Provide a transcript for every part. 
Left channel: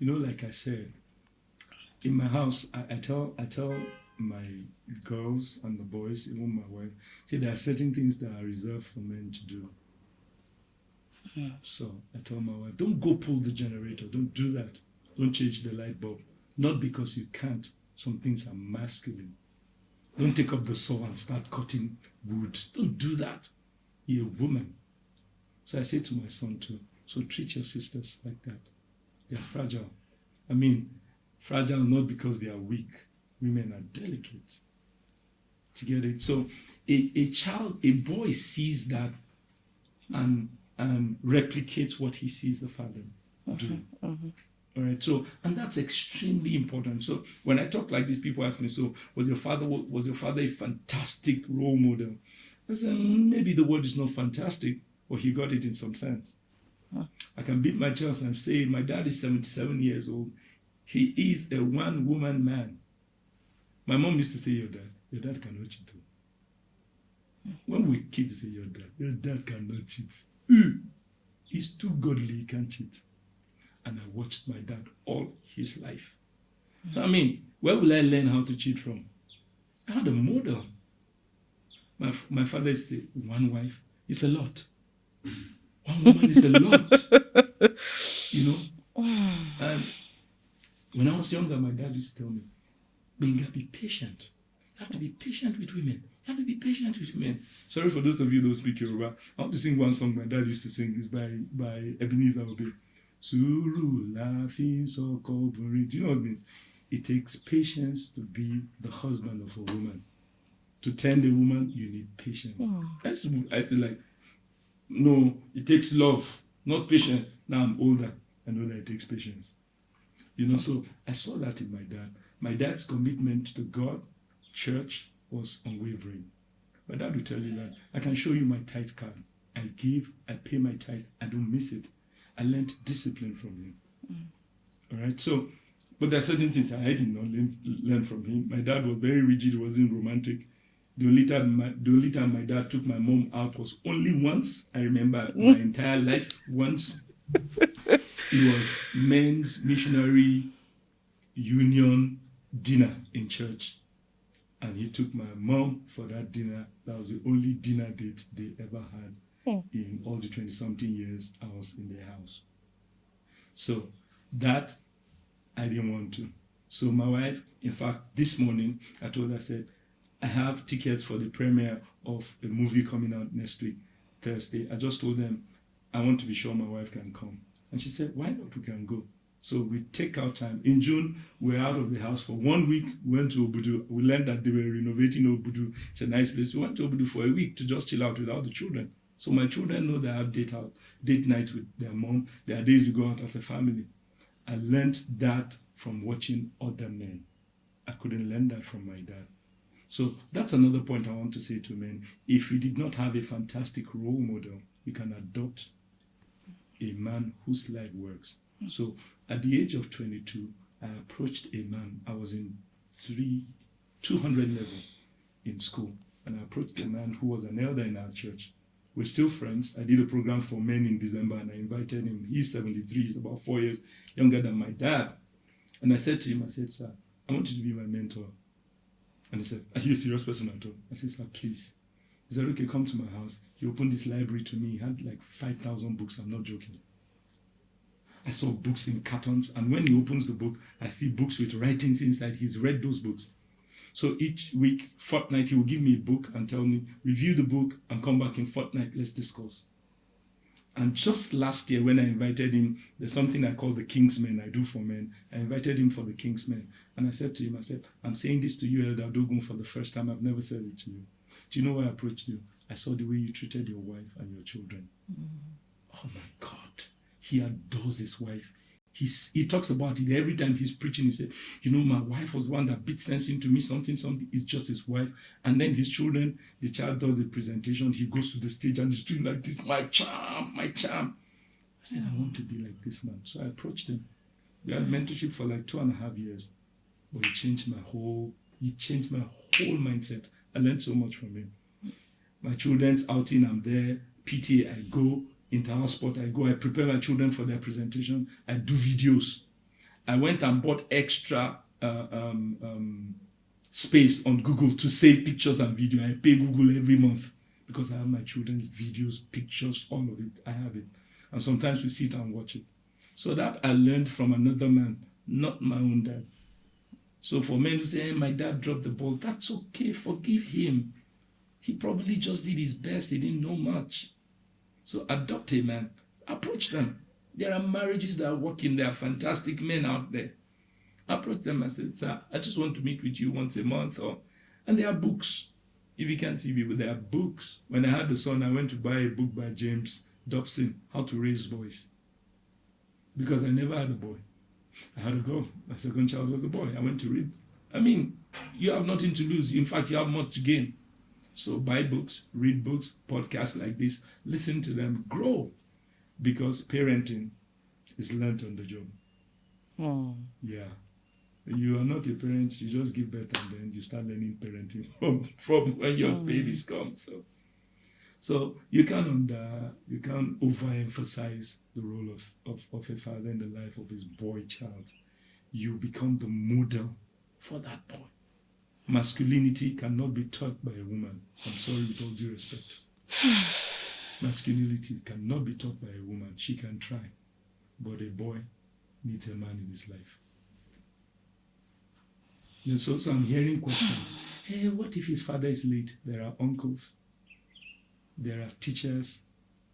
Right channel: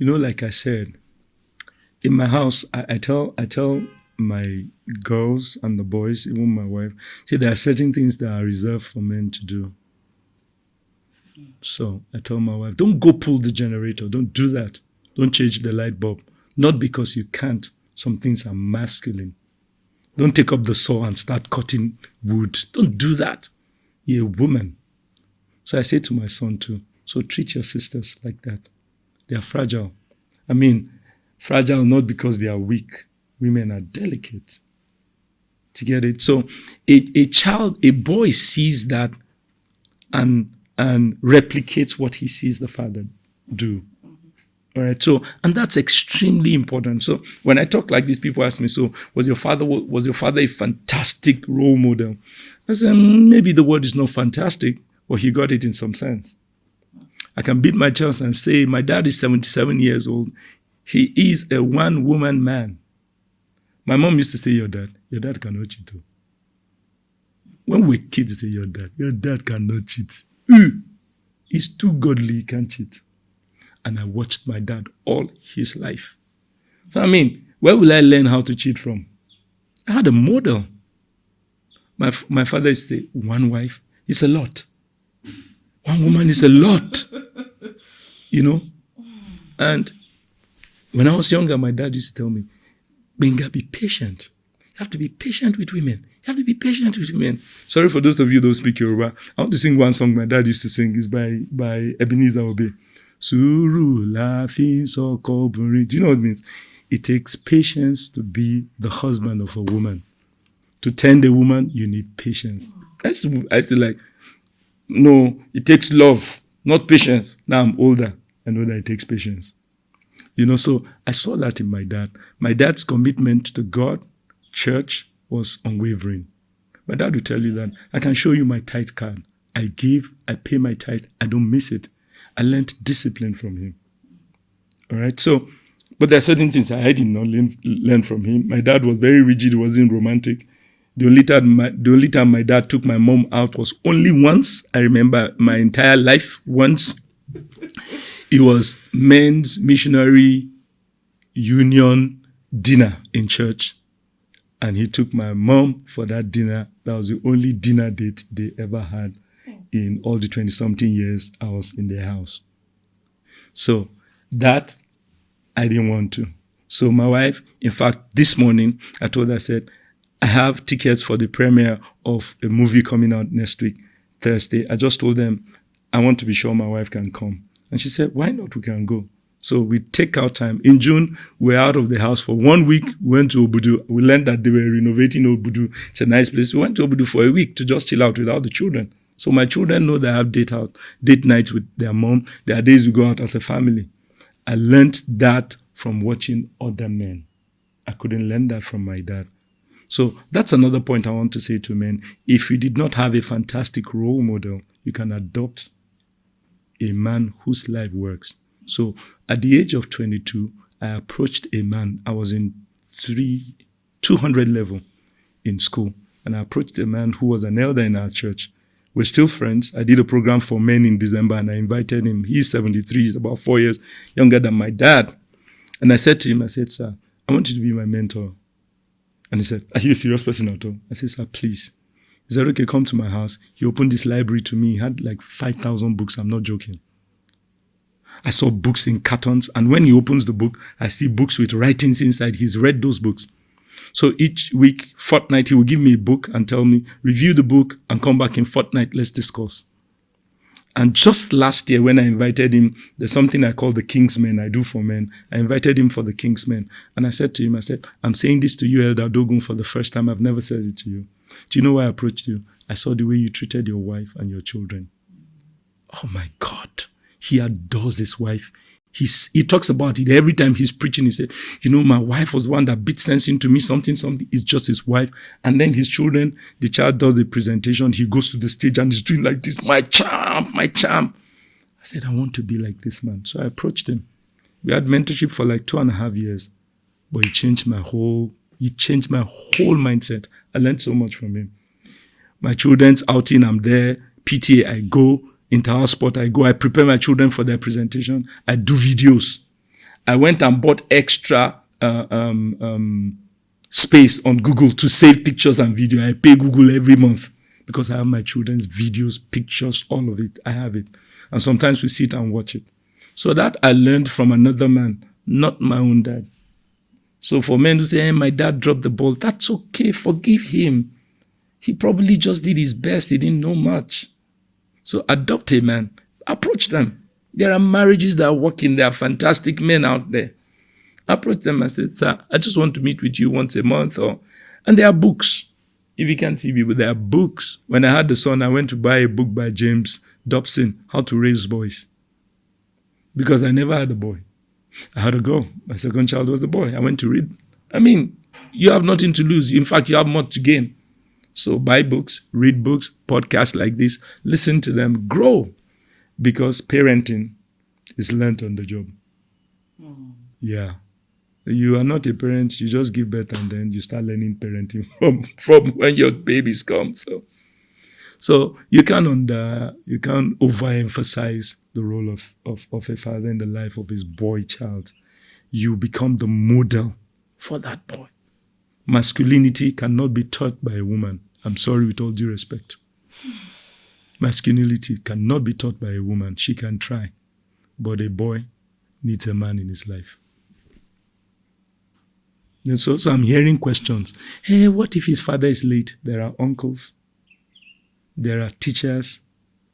Like I said, in my house, I tell my girls and the boys, even my wife, say there are certain things that are reserved for men to do. So I tell my wife, don't go pull the generator. Don't do that. Don't change the light bulb. Not because you can't. Some things are masculine. Don't take up the saw and start cutting wood. Don't do that. You're a woman. So I say to my son too, so treat your sisters like that. They are fragile. I mean, fragile not because they are weak. Women are delicate. To get it? So a boy sees that and replicates what he sees the father do. All right. So, and that's extremely important. So when I talk like this, people ask me, so was your father a fantastic role model? I said, maybe the word is not fantastic, but he got it in some sense. I can beat my chest and say, my dad is 77 years old. He is a one-woman man. My mom used to say, your dad cannot cheat. When we kids say, your dad cannot cheat. He's too godly, he can't cheat. And I watched my dad all his life. So, I mean, where will I learn how to cheat from? I had a model. My father used to say, one wife is a lot. One woman is a lot. And when I was younger, my dad used to tell me, Benga, be patient. You have to be patient with women. You have to be patient with women. Sorry for those of you who don't speak Yoruba. I want to sing one song my dad used to sing. It's by Ebenezer Obey. Suru la fin soko buri. Do you know what it means? It takes patience to be the husband of a woman. To tend a woman, you need patience. I used to like, no, it takes love, not patience. Now I'm older. I know that it takes patience. So I saw that in my dad. My dad's commitment to God, church, was unwavering. My dad will tell you that I can show you my tithe card. I give, I pay my tithe, I don't miss it. I learned discipline from him. All right. So, but there are certain things I did not learn from him. My dad was very rigid. He wasn't romantic. The only time my dad took my mom out was only once. I remember my entire life once. It was men's missionary union dinner in church. And he took my mom for that dinner. That was the only dinner date they ever had in all the 20-something years I was in their house. So that I didn't want to. So my wife, in fact, this morning, I told her, I said, I have tickets for the premiere of a movie coming out next week, Thursday. I just told them, I want to be sure my wife can come. And she said, why not? We can go. So we take our time. In June, we're out of the house for 1 week. We went to Obudu. We learned that they were renovating Obudu. It's a nice place. We went to Obudu for a week to just chill out without the children. So my children know that I have date nights with their mom. There are days we go out as a family. I learned that from watching other men. I couldn't learn that from my dad. So that's another point I want to say to men. If you did not have a fantastic role model, you can adopt a man whose life works. So at the age of 22, I approached a man. I was in 200 level in school. And I approached a man who was an elder in our church. We're still friends. I did a program for men in December and I invited him. He's 73. He's about 4 years younger than my dad. And I said to him, I said, sir, I want you to be my mentor. And he said, are you a serious person at all? I said, sir, please. He said, okay, come to my house. He opened this library to me. He had like 5,000 books. I'm not joking. I saw books in cartons. And when he opens the book, I see books with writings inside. He's read those books. So each week, fortnight, he will give me a book and tell me, review the book and come back in fortnight, let's discuss. And just last year when I invited him, there's something I call the Kingsmen I do for men. I invited him for the Kingsmen. And I said to him, I said, I'm saying this to you, Elder Dogun, for the first time. I've never said it to you. Do you know why I approached you? I saw the way you treated your wife and your children. Oh my God. He adores his wife. He talks about it every time he's preaching. He said, you know, my wife was one that beat sense into me, something. It's just his wife. And then his children, the child does the presentation. He goes to the stage and he's doing like this, my charm, my charm. I said, I want to be like this man. So I approached him. We had mentorship for like 2.5 years. But he changed my whole mindset. I learned so much from him. My children's outing, I'm there. PTA, I go. Inter-house sport, I go, I prepare my children for their presentation. I do videos. I went and bought extra space on Google to save pictures and video. I pay Google every month because I have my children's videos, pictures, all of it. I have it. And sometimes we sit and watch it. So that I learned from another man, not my own dad. So for men who say, hey, my dad dropped the ball, that's okay. Forgive him. He probably just did his best. He didn't know much. So adopt a man. Approach them. There are marriages that are working. There are fantastic men out there. Approach them and say, sir, I just want to meet with you once a month. And there are books. If you can't see people, there are books. When I had the son, I went to buy a book by James Dobson, How to Raise Boys. Because I never had a boy. I had a girl. My second child was a boy. I went to read. I mean, you have nothing to lose. In fact, you have more to gain. So buy books, read books, podcasts like this, listen to them, grow. Because parenting is learned on the job. Yeah. You are not a parent, you just give birth and then you start learning parenting from when your babies come. So you can't overemphasize the role of a father in the life of his boy child. You become the model for that boy. Masculinity cannot be taught by a woman. I'm sorry, with all due respect. Masculinity cannot be taught by a woman. She can try. But a boy needs a man in his life. And so I'm hearing questions. Hey, what if his father is late? There are uncles. There are teachers.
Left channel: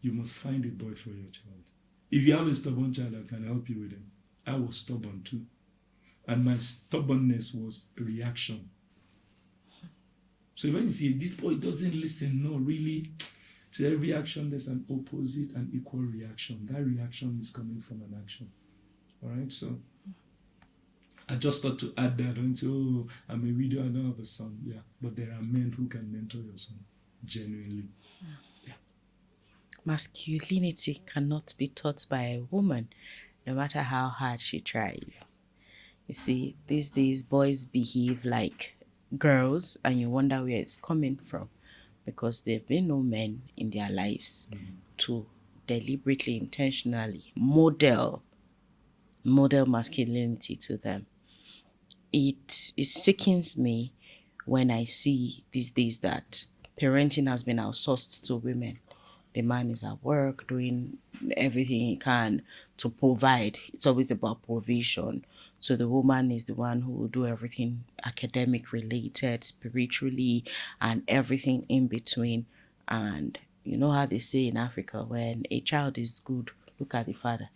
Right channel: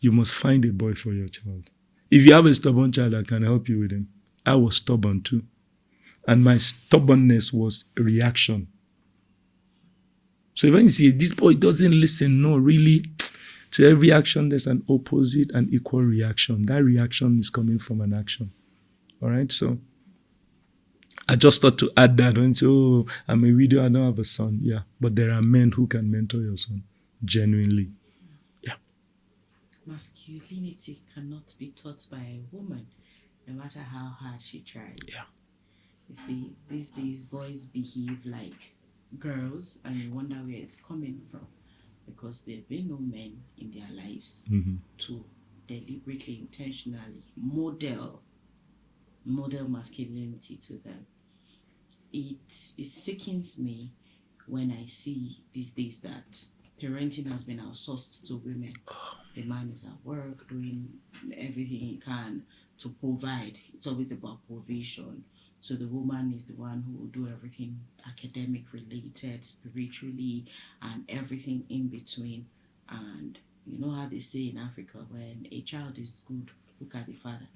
You must find a boy for your child. If you have a stubborn child, I can help you with him. I was stubborn too. And my stubbornness was a reaction. So when you see this boy doesn't listen, no, really, to every action, there's an opposite and equal reaction. That reaction is coming from an action. All right? So I just thought to add that and say, oh, I'm a widow, I don't have a son. Yeah, but there are men who can mentor your son, genuinely. Yeah. Masculinity cannot be taught by a woman, no matter how hard she tries. Yeah. You see, these days boys behave like girls, and you wonder where it's coming from, because there have been no men in their lives to deliberately, intentionally model masculinity to them. It sickens me when I see these days that parenting has been outsourced to women. The man is at work doing everything he can to provide. It's always about provision. So the woman is the one who will do everything academic related, spiritually, and everything in between. And you know how they say in Africa, when a child is good, look at the father.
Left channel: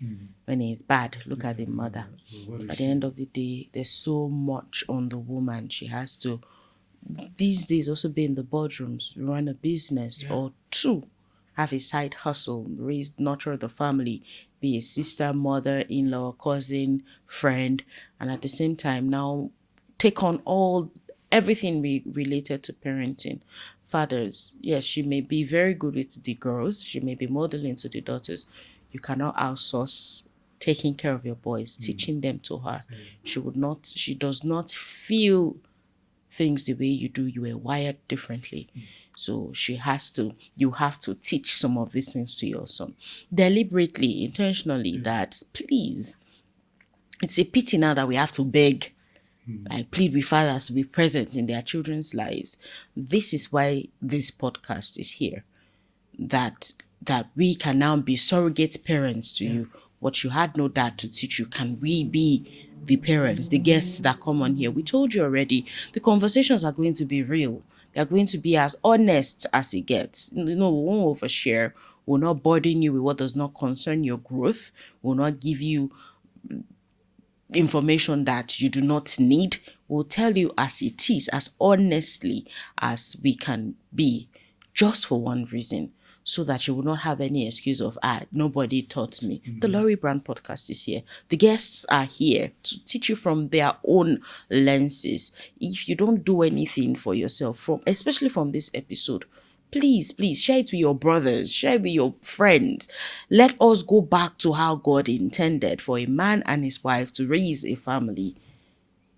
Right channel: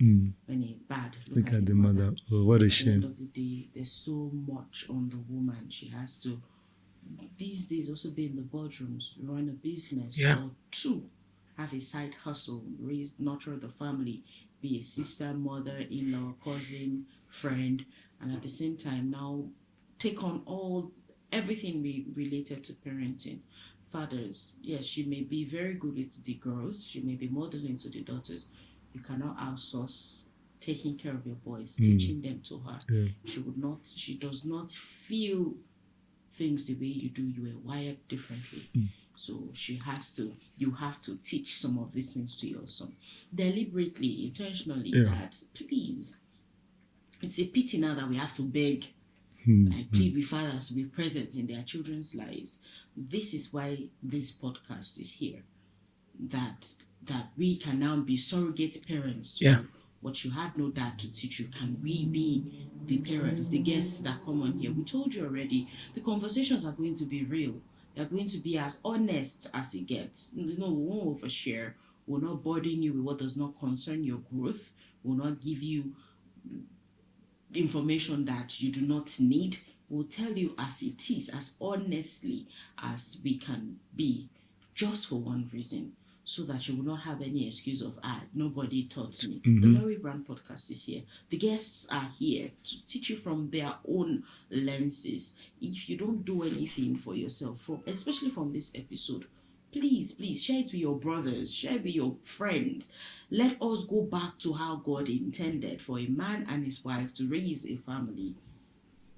When he's bad, look at the mother. Oh, what a At shame. the end of the day, there's so much on the woman. She has to, these days, also be in the boardrooms, run a business or two, have a side hustle, nurture the family, be a sister, mother, in-law, cousin, friend, and at the same time now take on everything related to parenting. Fathers, yes, she may be very good with the girls, she may be modeling to the daughters. You cannot outsource taking care of your boys, teaching them to her. She does not feel things the way you do. You were wired differently. So you have to teach some of these things to your son. Deliberately, intentionally, that please, it's a pity now that we have to beg. I plead with fathers to be present in their children's lives. This is why this podcast is here. That we can now be surrogate parents to you. What you had no dad to teach you, can we be the parents, the guests that come on here? We told you already, the conversations are going to be real. They're going to be as honest as it gets. We won't overshare. We'll not burden you with what does not concern your growth. We'll not give you information that you do not need. We'll tell you as it is, as honestly as we can be, just for one reason, so that you will not have any excuse of, nobody taught me. The Laurie Brand podcast is here. The guests are here to teach you from their own lenses. If you don't do anything for yourself, especially from this episode, please share it with your brothers, share it with your friends. Let us go back to how God intended for a man and his wife to raise a family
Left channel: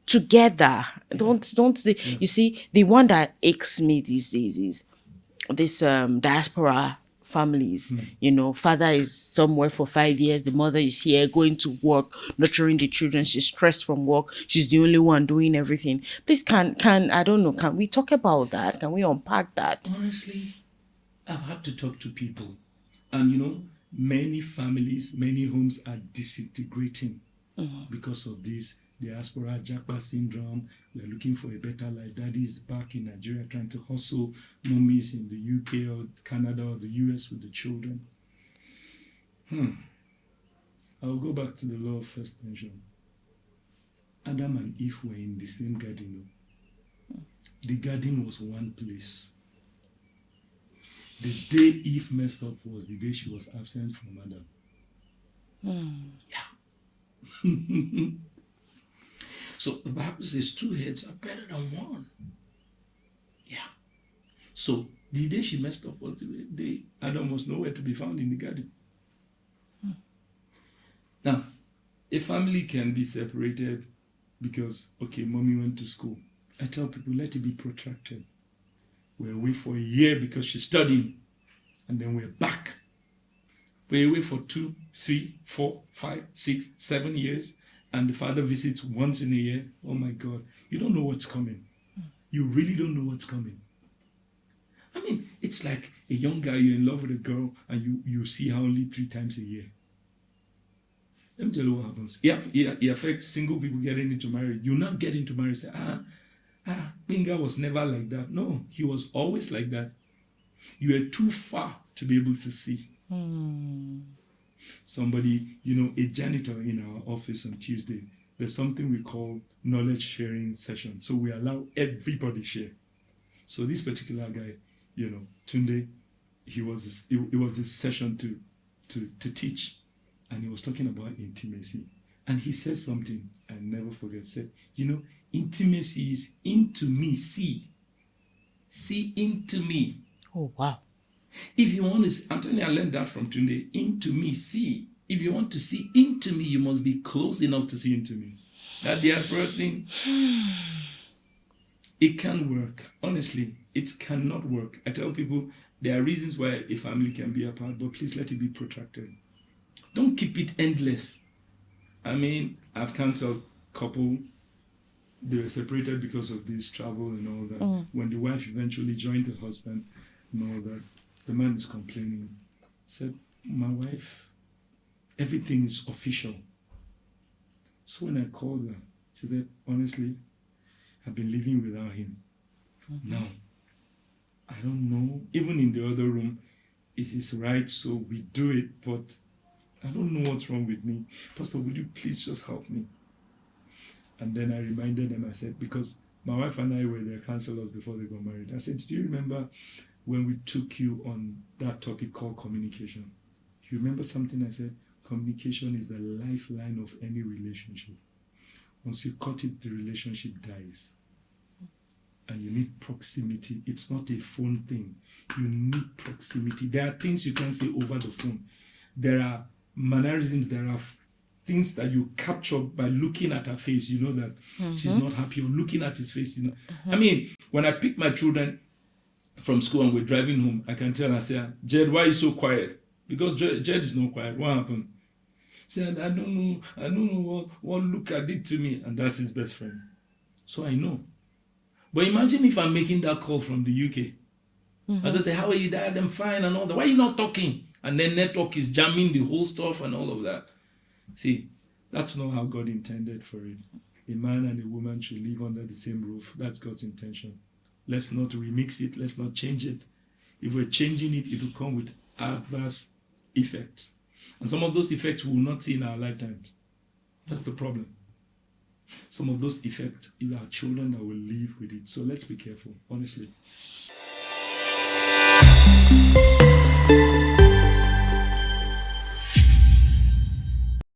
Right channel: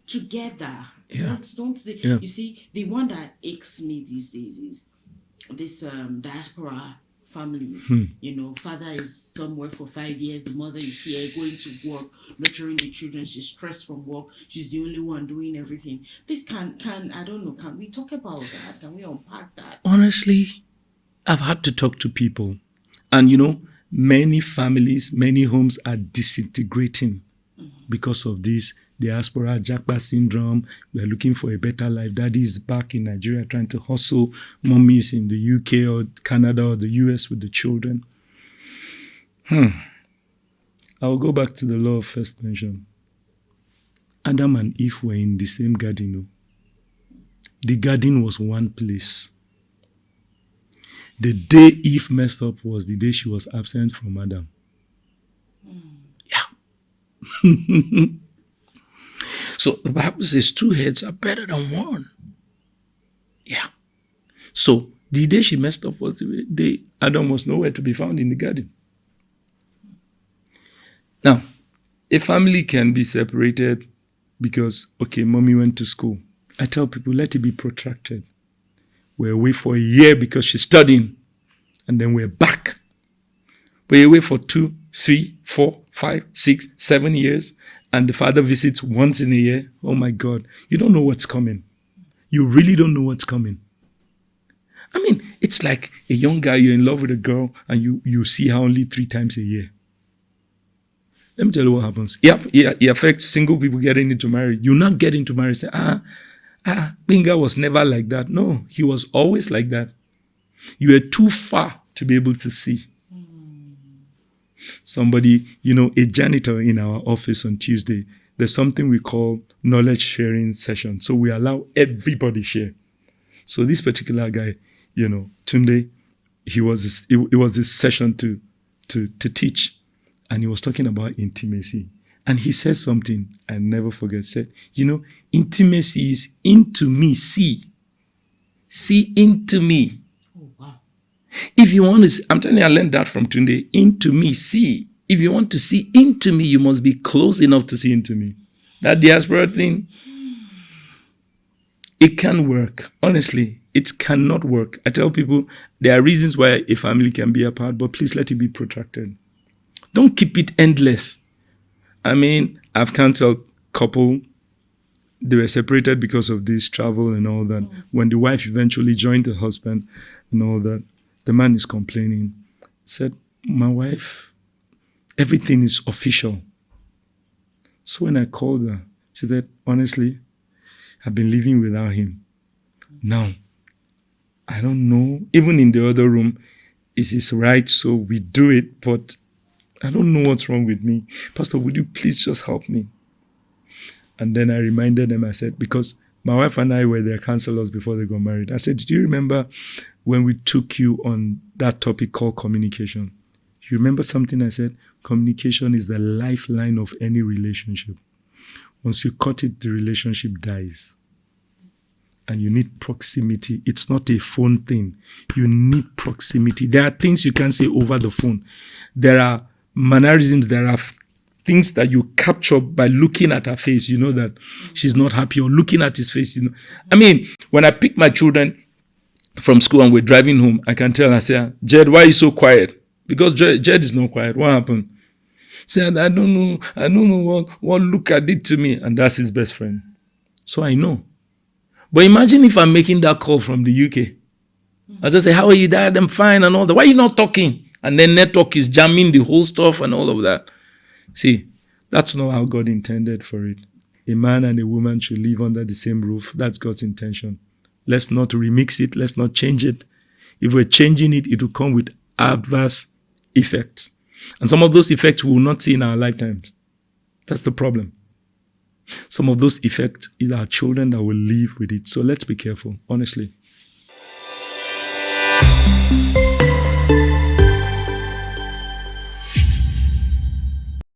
together. You see, the one that aches me these days is this diaspora families. Father is somewhere for 5 years, the mother is here going to work, nurturing the children, she's stressed from work, she's the only one doing everything. Please, can I don't know, can we talk about that? Can we unpack that? Honestly, I've had to talk to people, and many families, many homes are disintegrating because of this diaspora Japa syndrome. We are looking for a better life. Daddy is back in Nigeria trying to hustle. Mommy is in the UK or Canada or the US with the children. I'll go back to the law of first mention. Adam and Eve were in the same garden. The garden was one place. The day Eve messed up was the day she was absent from Adam. Yeah. So the Bible says 2 heads are better than one. Yeah. So the day she messed up was the day Adam was nowhere to be found in the garden. Now, a family can be separated because, mommy went to school. I tell people, let it be protracted. We're away for a year because she's studying, and then we're back. We're away for 2, 3, 4, 5, 6, 7 years, and the father visits once in a year. Oh my God, you don't know what's coming. You really don't know what's coming. I mean, it's like a young guy, you're in love with a girl, and you see her only 3 times a year. Let me tell you what happens. It affects single people getting into marriage. You not get into marriage, say, Binga was never like that. No, he was always like that. You are too far to be able to see. Somebody, a janitor in our office on Tuesday, there's something we call knowledge sharing session. So we allow everybody share. So this particular guy, Tunde, it was this session to teach. And he was talking about intimacy. And he said something I never forget. Said, intimacy is into me, see. See into me. Oh, wow. If you want to, I'm telling you, I learned that from Tunde. Into me, see. If you want to see into me, you must be close enough to see into me. That diaspora thing, it can work. Honestly, it cannot work. I tell people there are reasons why a family can be apart, but please let it be protracted. Don't keep it endless. I mean, I've counseled couple, they were separated because of this travel and all that. When the wife eventually joined the husband and all that, the man is complaining. Said, my wife, everything is official. So when I called her, she said, honestly, I've been living without him. Now, I don't know. Even in the other room, it is right, so we do it, but I don't know what's wrong with me. Pastor, would you please just help me? And then I reminded them, I said, because my wife and I were their counselors before they got married. I said, do you remember when we took you on that topic called communication? You remember something I said? Communication is the lifeline of any relationship. Once you cut it, the relationship dies. And you need proximity. It's not a phone thing. You need proximity. There are things you can't say over the phone. There are mannerisms, there are things that you capture by looking at her face. You know that she's not happy, or looking at his face. I mean, when I pick my children from school and we're driving home, I can tell, I say, Jed, why are you so quiet? Because Jed is not quiet. What happened? Said, I don't know what Luca did to me. And that's his best friend. So I know. But imagine if I'm making that call from the UK. I just say, how are you, Dad? I'm fine and all that. Why are you not talking? And then network is jamming the whole stuff and all of that. See, that's not how God intended for it. A man and a woman should live under the same roof. That's God's intention. Let's not remix it. Let's not change it. If we're changing it, it will come with adverse effects. And some of those effects we will not see in our lifetimes. That's the problem. Some of those effects is our children that will live with it. So let's be careful, honestly.